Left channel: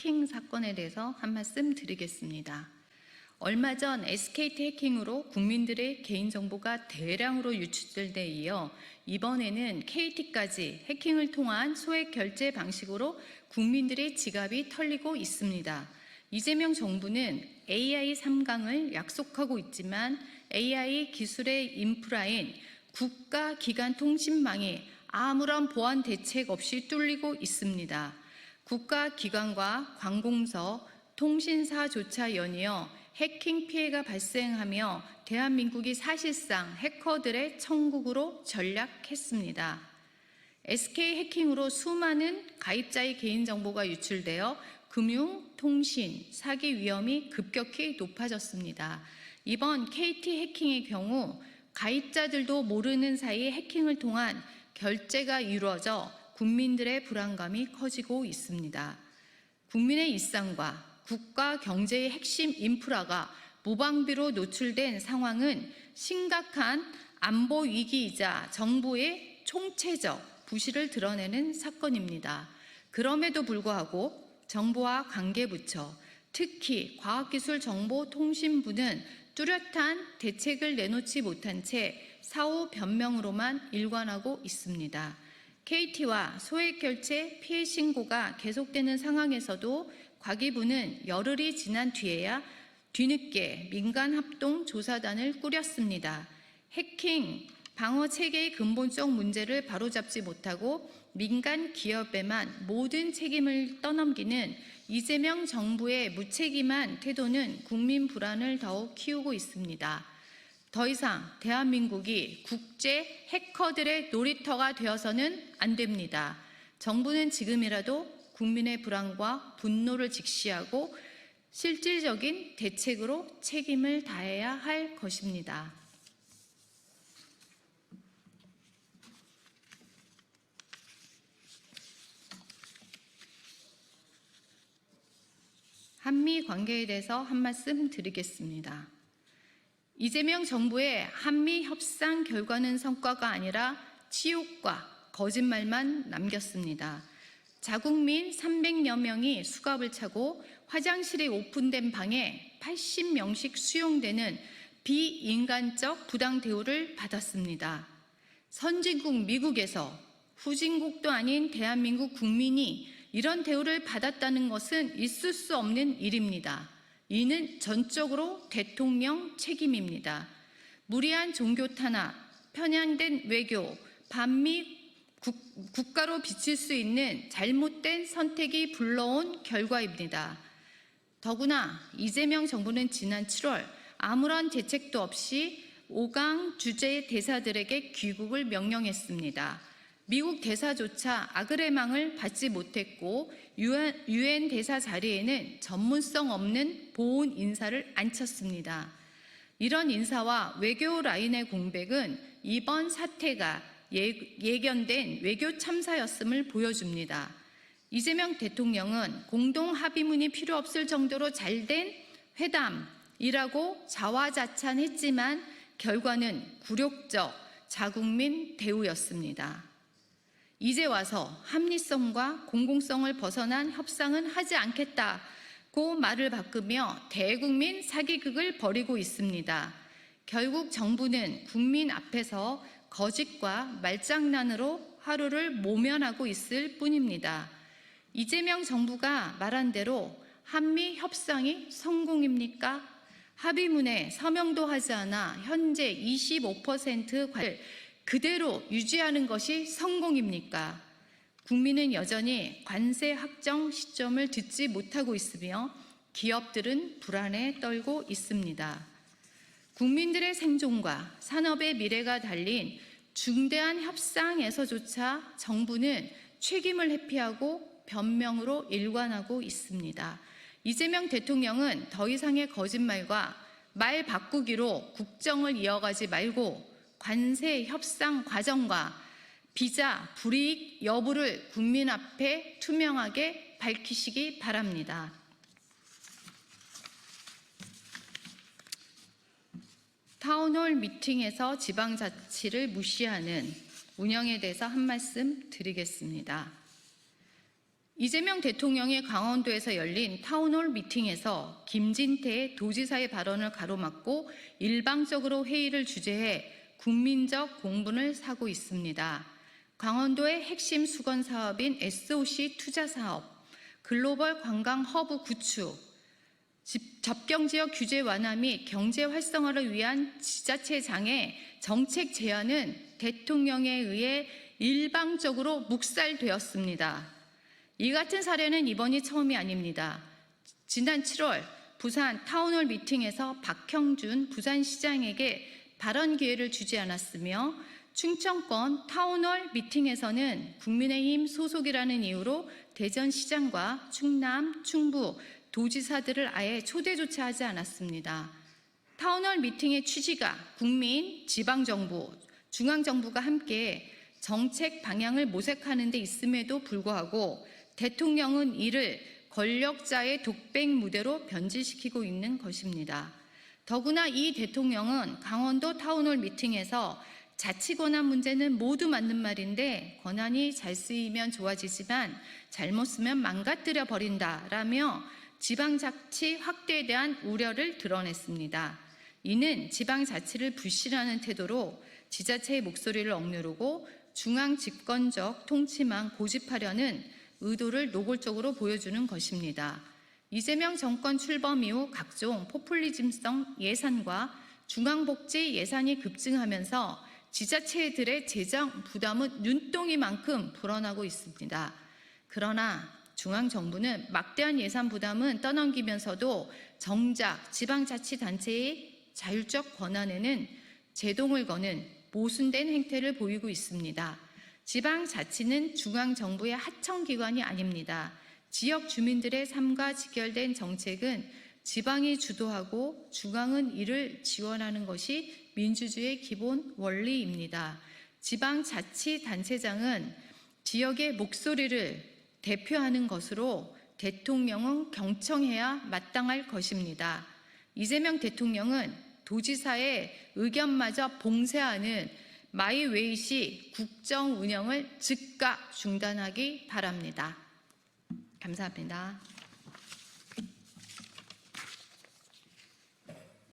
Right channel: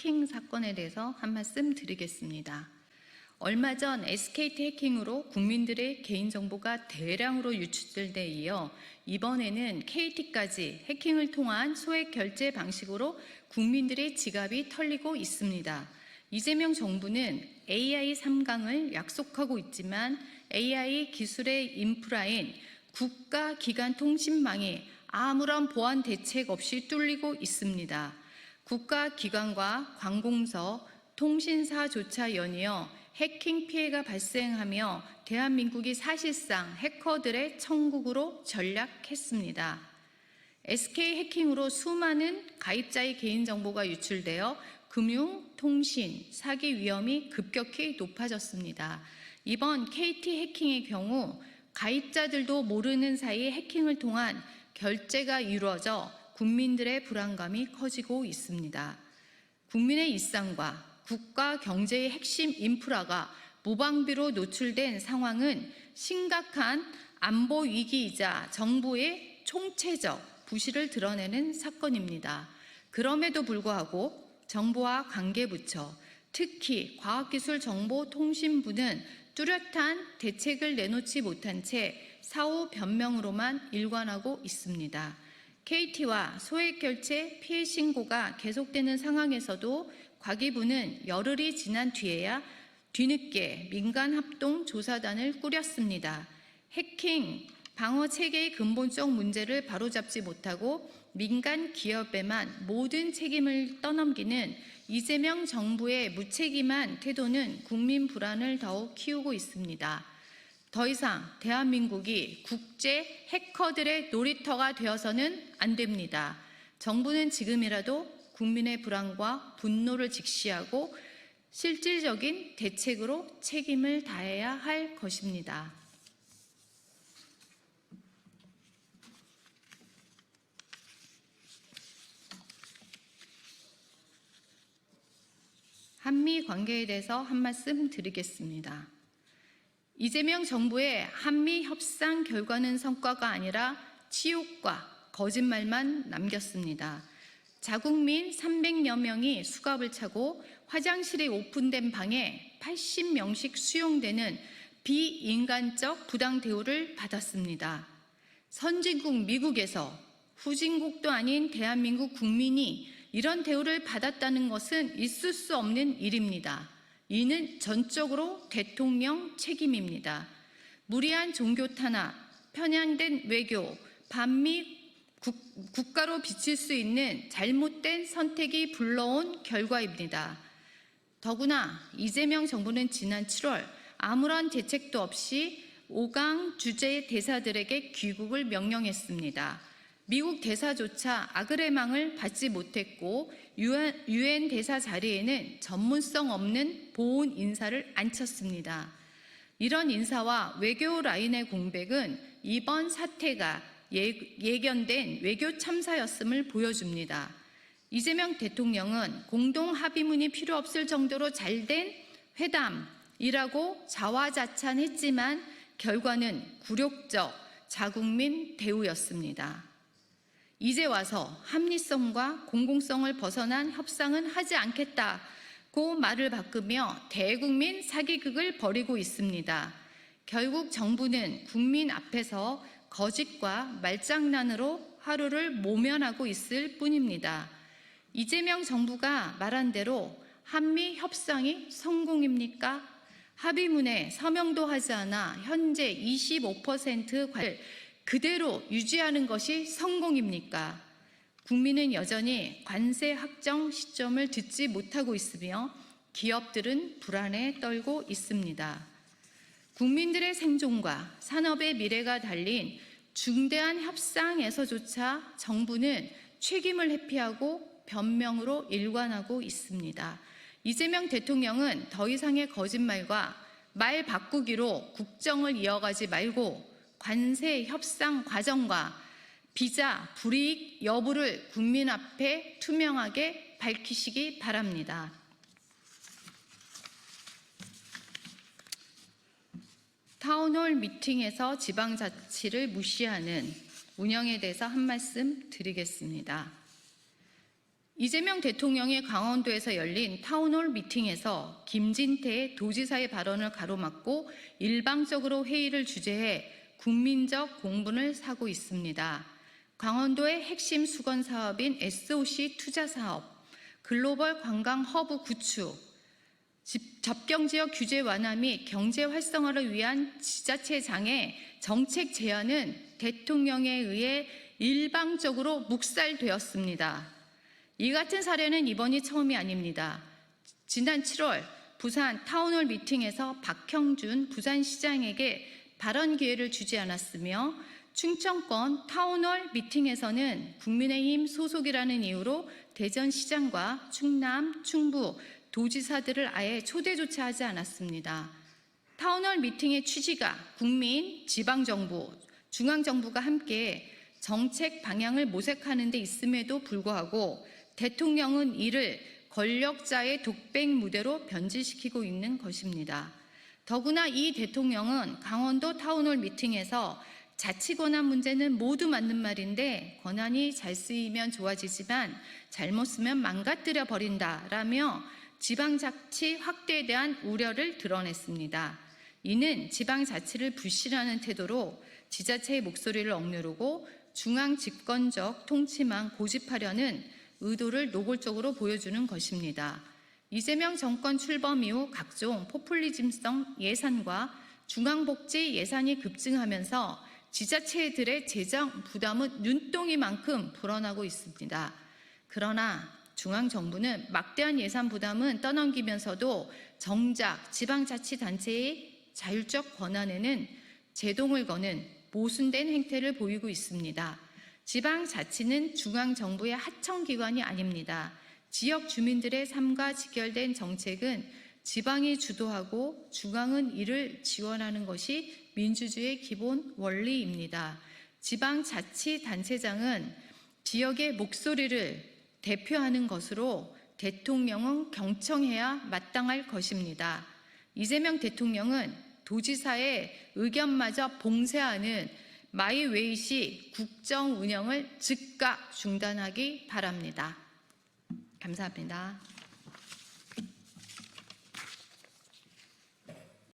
해킹 사건에 대해서 한 말씀 드리겠습니다. 얼마 전 SKT 해킹으로 국민들의 개인정보가 대량으로 유출될 데 이어 이번에는 KT까지 해킹을 통한 소액 결제 방식으로 국민들의 지갑이 털리고 있습니다. 이재명 정부는 AI 3강을 약속하고 있지만 AI 기술의 인프라인 국가기관통신망이 아무런 보안 대책 없이 뚫리고 있습니다. 국가기관과 관공서, 통신사조차 연이어 해킹 피해가 발생하며 대한민국이 사실상 해커들의 천국으로 전락했습니다. SK 해킹으로 수많은 가입자의 개인정보가 유출되어 금융, 통신, 사기 위험이 급격히 높아졌습니다. 이번 KT 해킹의 경우 가입자들도 모르는 사이 해킹을 통한 결제가 이루어져 국민들의 불안감이 커지고 있습니다. 국민의 일상과 국가 경제의 핵심 인프라가 모방비로 노출된 상황은 심각한 안보 위기이자 정부의 총체적 부실을 드러내는 사건입니다. 그럼에도 불구하고 정부와 관계부처, 특히 과학기술정보통신부는 뚜렷한 대책을 내놓지 못한 채 사후 변명으로만 일관하고 있습니다. KT와 소액결제 피해 신고가 계속되는 상황에서도 과기부는 열흘이 지난 뒤에야 뒤늦게 민간합동조사단을 꾸렸습니다. 해킹 방어 체계의 근본적 문제를 바로잡지 못하고 민간 기업에만 모든 책임을 떠넘기는 이재명 정부의 무책임한 태도는 국민 불안을 더욱 키우고 있습니다. 더 이상 대한민국이 국제 해커들의 놀이터가 되어서는 안 됩니다. 정부는 지금이라도 국민의 불안과 분노를 직시하고 실질적인 대책으로 책임을 다해야 할 것입니다. 한미 관계에 대해서 한 말씀 드리겠습니다. 이재명 정부의 한미 협상 결과는 성과가 아니라 치욕과 거짓말만 남겼습니다. 자국민 300여 명이 수갑을 차고 화장실이 오픈된 방에 80명씩 수용되는 비인간적 부당 대우를 받았습니다. 선진국 미국에서 후진국도 아닌 대한민국 국민이 이런 대우를 받았다는 것은 있을 수 없는 일입니다. 이는 전적으로 대통령 책임입니다. 무리한 종교 탄압, 편향된 외교, 반미 국가로 비칠 수 있는 잘못된 선택이 불러온 결과입니다. 더구나 이재명 정부는 지난 7월 아무런 대책도 없이 5강 주재 대사들에게 귀국을 명령했습니다. 미국 대사조차 아그레망을 받지 못했고 유엔 대사 자리에는 전문성 없는 보훈 인사를 앉혔습니다. 이런 인사와 외교 라인의 공백은 이번 사태가 예견된 외교 참사였음을 보여줍니다. 이재명 대통령은 공동 합의문이 필요 없을 정도로 잘된 회담이라고 자화자찬했지만 결과는 굴욕적 자국민 대우였습니다. 이제 와서 합리성과 공공성을 벗어난 협상은 하지 않겠다고 말을 바꾸며 대국민 사기극을 벌이고 있습니다. 결국 정부는 국민 앞에서 거짓과 말장난으로 하루를 모면하고 있을 뿐입니다. 이재명 정부가 말한 대로 한미 협상이 성공입니까? 합의문에 서명도 하지 않아 현재 25% 관을 그대로 유지하는 것이 성공입니까? 국민은 여전히 관세 확정 시점을 듣지 못하고 있으며 기업들은 불안에 떨고 있습니다. 국민들의 생존과 산업의 미래가 달린 중대한 협상에서조차 정부는 책임을 회피하고 변명으로 일관하고 있습니다. 이재명 대통령은 더 이상의 거짓말과 말 바꾸기로 국정을 이어가지 말고 관세 협상 과정과 비자 불이익 여부를 국민 앞에 투명하게 밝히시기 바랍니다. 타운홀 미팅에서 지방자치를 무시하는 운영에 대해서 한 말씀 드리겠습니다. 이재명 대통령의 강원도에서 열린 타운홀 미팅에서 김진태 도지사의 발언을 가로막고 일방적으로 회의를 주재해 국민적 공분을 사고 있습니다. 강원도의 핵심 수건 사업인 SOC 투자 사업, 글로벌 관광 허브 구축, 접경지역 규제 완화 및 경제 활성화를 위한 지자체장의 정책 제안은 대통령에 의해 일방적으로 묵살되었습니다. 이 같은 사례는 이번이 처음이 아닙니다. 지난 7월 부산 타운홀 미팅에서 박형준 부산시장에게 발언 기회를 주지 않았으며 충청권 타운홀 미팅에서는 국민의힘 소속이라는 이유로 대전시장과 충남, 충북 도지사들을 아예 초대조차 하지 않았습니다. 타운홀 미팅의 취지가 국민, 지방정부, 중앙정부가 함께 정책 방향을 모색하는 데 있음에도 불구하고 대통령은 이를 권력자의 독백 무대로 변질시키고 있는 것입니다. 더구나 이 대통령은 강원도 타운홀 미팅에서 자치 권한 문제는 모두 맞는 말인데 권한이 잘 쓰이면 좋아지지만 잘못 쓰면 망가뜨려 버린다라며 지방자치 확대에 대한 우려를 드러냈습니다. 이는 지방자치를 불신하는 태도로 지자체의 목소리를 억누르고 중앙 집권적 통치만 고집하려는 의도를 노골적으로 보여주는 것입니다. 이재명 정권 출범 이후 각종 포퓰리즘성 예산과 중앙복지 예산이 급증하면서 지자체들의 재정 부담은 눈덩이만큼 불어나고 있습니다. 그러나 중앙정부는 막대한 예산 부담은 떠넘기면서도 정작 지방자치단체의 자율적 권한에는 제동을 거는 모순된 행태를 보이고 있습니다. 지방자치는 중앙정부의 하청기관이 아닙니다. 지역 주민들의 삶과 직결된 정책은 지방이 주도하고 중앙은 이를 지원하는 것이 민주주의의 기본 원리입니다. 지방자치단체장은 지역의 목소리를 대표하는 것으로 대통령은 경청해야 마땅할 것입니다. 이재명 대통령은 도지사의 의견마저 봉쇄하는 마이웨이시 국정 운영을 즉각 중단하기 바랍니다. 감사합니다.